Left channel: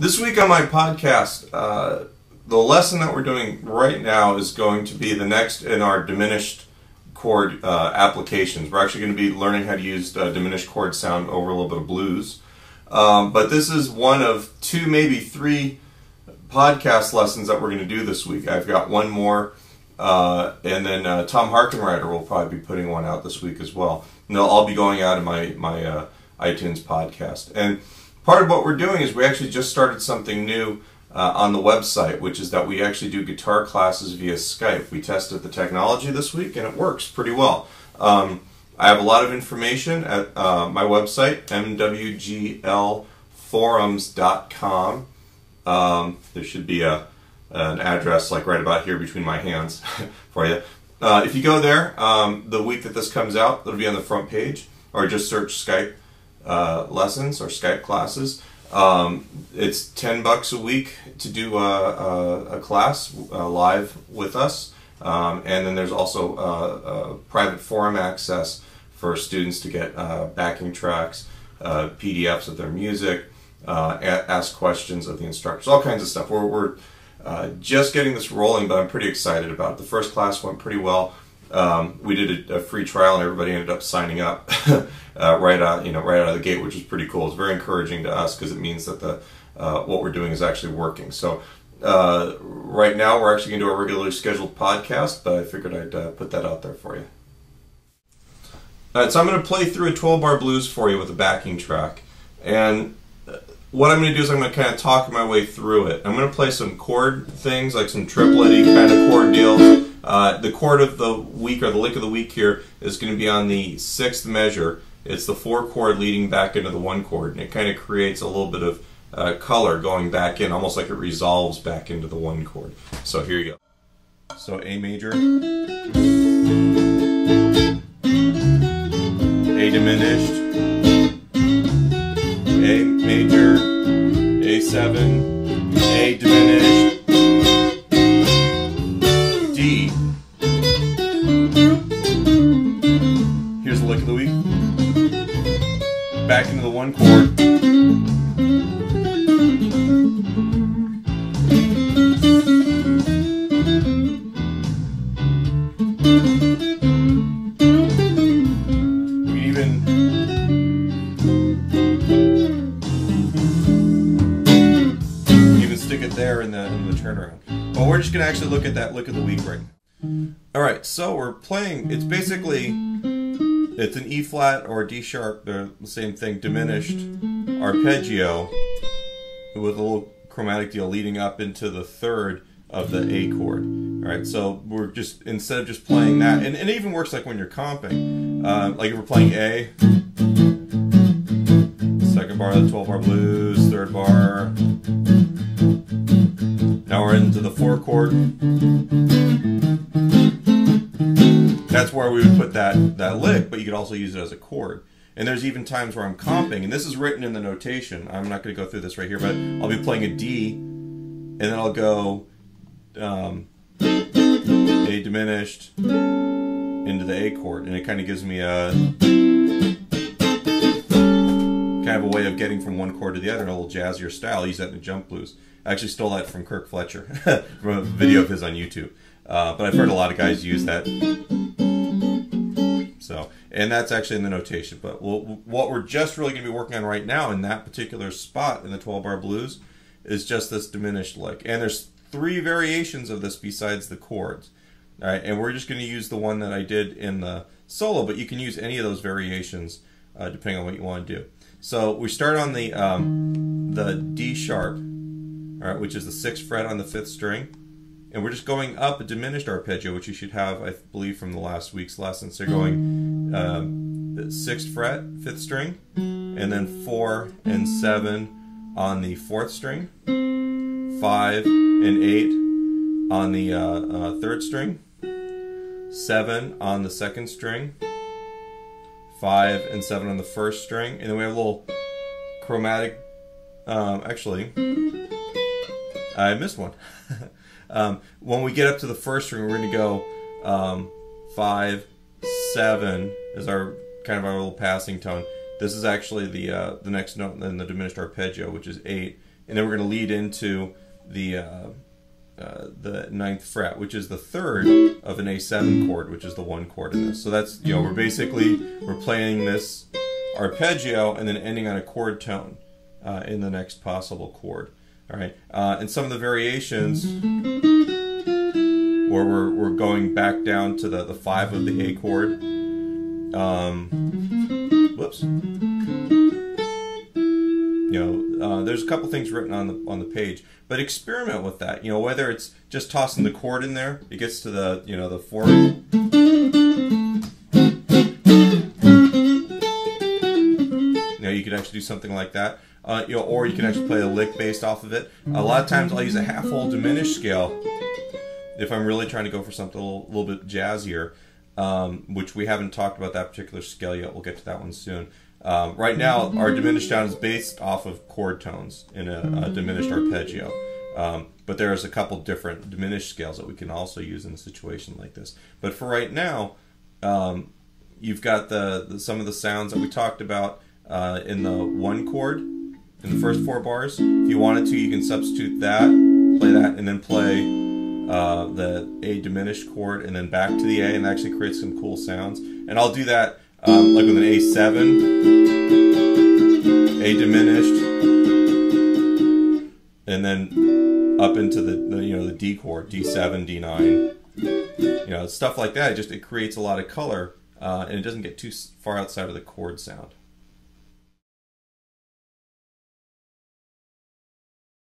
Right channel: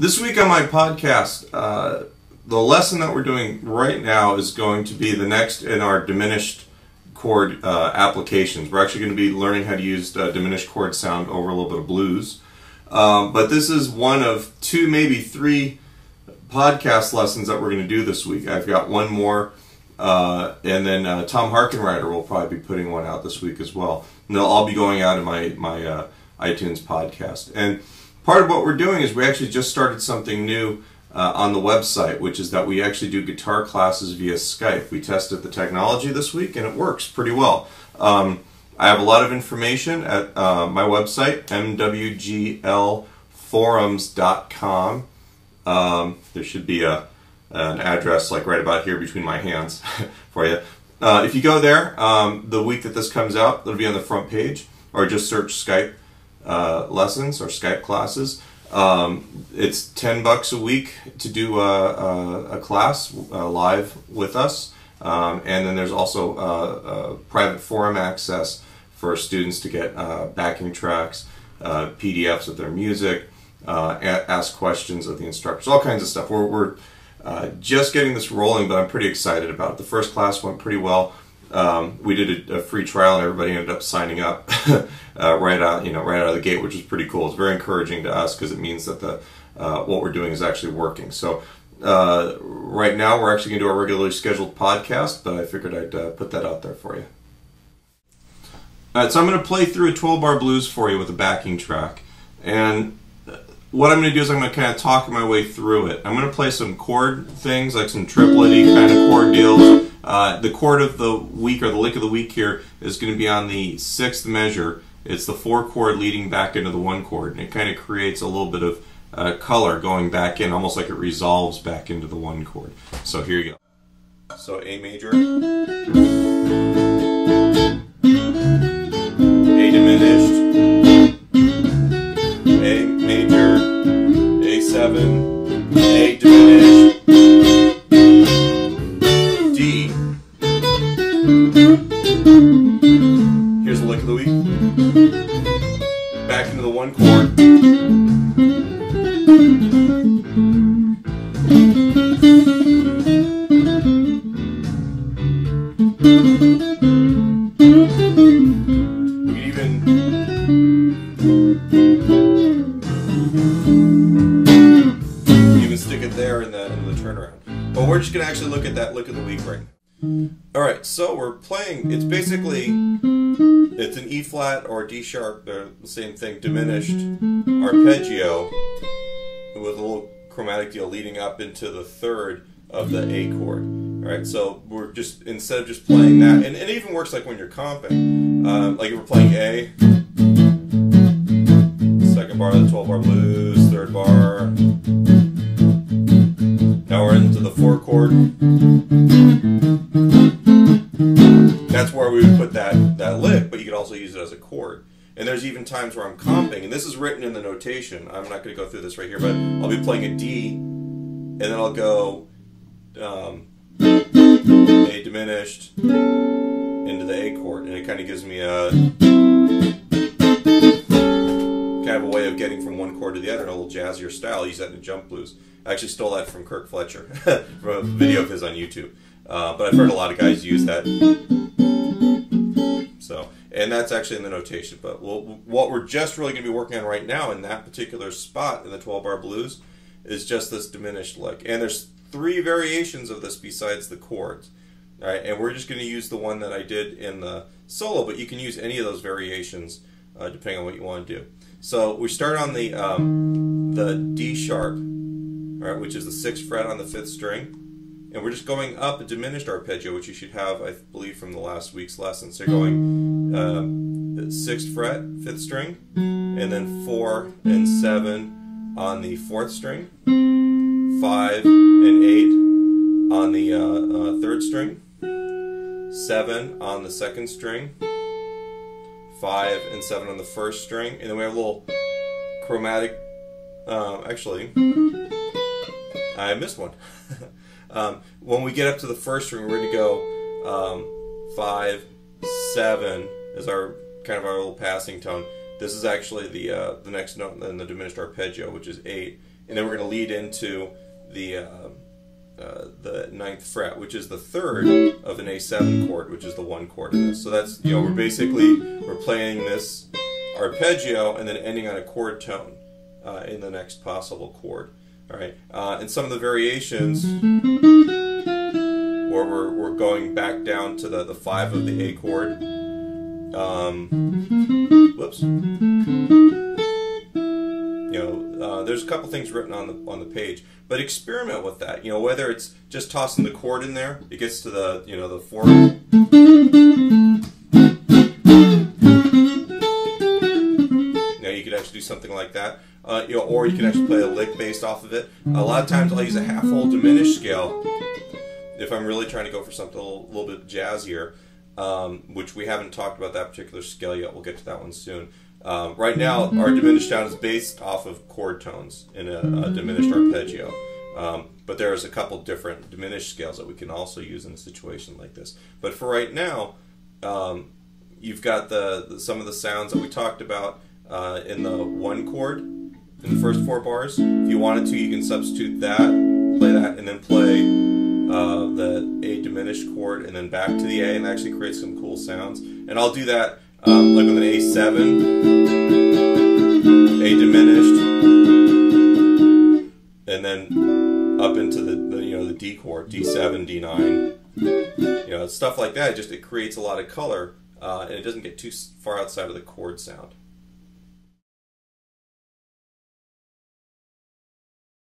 This week on my podcast, the lesson that we're doing right now is going to be the next in our diminished chord applications. We're actually going to be learning how to use diminished chord sound over a little bit of blues. But this is one of two, maybe three podcast lessons that we're going to do this week. I've got one more, and then Tom Harkenrider will probably be putting one out this week as well. And they'll all be going out in my iTunes podcast. And part of what we're doing is we actually just started something new on the website, which is that we actually do guitar classes via Skype. We tested the technology this week and it works pretty well. I have a lot of information at my website, mwglforums.com. There should be an address like right about here between my hands for you. If you go there, the week that this comes out, it'll be on the front page, or just search Skype lessons or Skype classes. It's $10 a week to do a class live with us, and then there's also private forum access for students to get backing tracks, PDFs of their music, ask questions of the instructors, all kinds of stuff. We're just getting this rolling, but I'm pretty excited about it. The first class went pretty well. We did a free trial and everybody ended up signing up right out of the gate, which was pretty cool. It's very encouraging to us because it means that what we're doing is actually working. So right now we're actually going to do a regularly scheduled podcast, but I figured I'd put that out there for you. All right, so I'm going to play through a 12-bar blues for you with a backing track, and what I'm going to do is I'm going to kind of talk my way through it. I'm going to play some chord things, like some triplet-y kind of chord deals. The chord of the week, or the lick of the week here, is going to be on the 6th measure. It's the 4 chord leading back into the 1 chord, and it kind of creates a little bit of color going back in, almost like it resolves back into the 1 chord. So here you go. So A major, A diminished, A major, A7, A diminished, D. Here's the lick of the week. Back into the 1 chord. We can even stick it there in the turnaround. But we're just going to actually look at that lick of the week right now. Alright, so we're playing, it's an E flat or D sharp, they're the same thing, diminished arpeggio with a little chromatic deal leading up into the 3rd of the A chord. Alright, so we're just, instead of just playing that, and it even works like when you're comping, like if we're playing A, 2nd bar of the 12-bar blues, 3rd bar, now we're into the 4 chord. That's where we would put that lick, but you could also use it as a chord. And there's even times where I'm comping, and this is written in the notation. I'm not going to go through this right here, but I'll be playing a D, and then I'll go A diminished into the A chord, and it kind of gives me a kind of a way of getting from 1 chord to the other in a little jazzier style. I use that in the jump blues. I actually stole that from Kirk Fletcher from a video of his on YouTube. But I've heard a lot of guys use that. So, and that's actually in the notation. But what we're just really going to be working on right now in that particular spot in the 12-bar blues is just this diminished lick. And there's 3 variations of this besides the chords. All right, and we're just going to use the one that I did in the solo, but you can use any of those variations depending on what you want to do. So we start on the D sharp, all right, which is the 6th fret on the 5th string. And we're just going up a diminished arpeggio, which you should have, I believe, from the last week's lesson. So you're going 6th fret, 5th string, and then 4 and 7 on the 4th string, 5 and 8 on the 3rd string, 7 on the 2nd string, 5 and 7 on the 1st string, and then we have a little chromatic, actually, I missed one. When we get up to the 1st string, we're going to go 5, 7 is our kind of our little passing tone. This is actually the next note in the diminished arpeggio, which is 8, and then we're going to lead into the 9th fret, which is the 3rd of an A7 chord, which is the 1 chord in this. So that's, you know, we're playing this arpeggio and then ending on a chord tone in the next possible chord. All right, and some of the variations where we're going back down to the 5 of the A chord. Whoops. You know, there's a couple things written on the page, but experiment with that. You know, whether it's just tossing the chord in there, it gets to the, you know, the 4th. You know, you could actually do something like that. You know, or you can actually play a lick based off of it. A lot of times I'll use a half-whole diminished scale if I'm really trying to go for something a little bit jazzier, which we haven't talked about that particular scale yet. We'll get to that one soon. Right now, our diminished sound is based off of chord tones in a diminished arpeggio. But there's a couple different diminished scales that we can also use in a situation like this. But for right now, you've got some of the sounds that we talked about in the 1 chord, in the first 4 bars. If you wanted to, you can substitute that, play that, and then play the A diminished chord, and then back to the A, and actually create some cool sounds. And I'll do that like with an A7, A diminished, and then up into the you know, the D chord, D7, D9, you know, stuff like that. It creates a lot of color, and it doesn't get too far outside of the chord sound.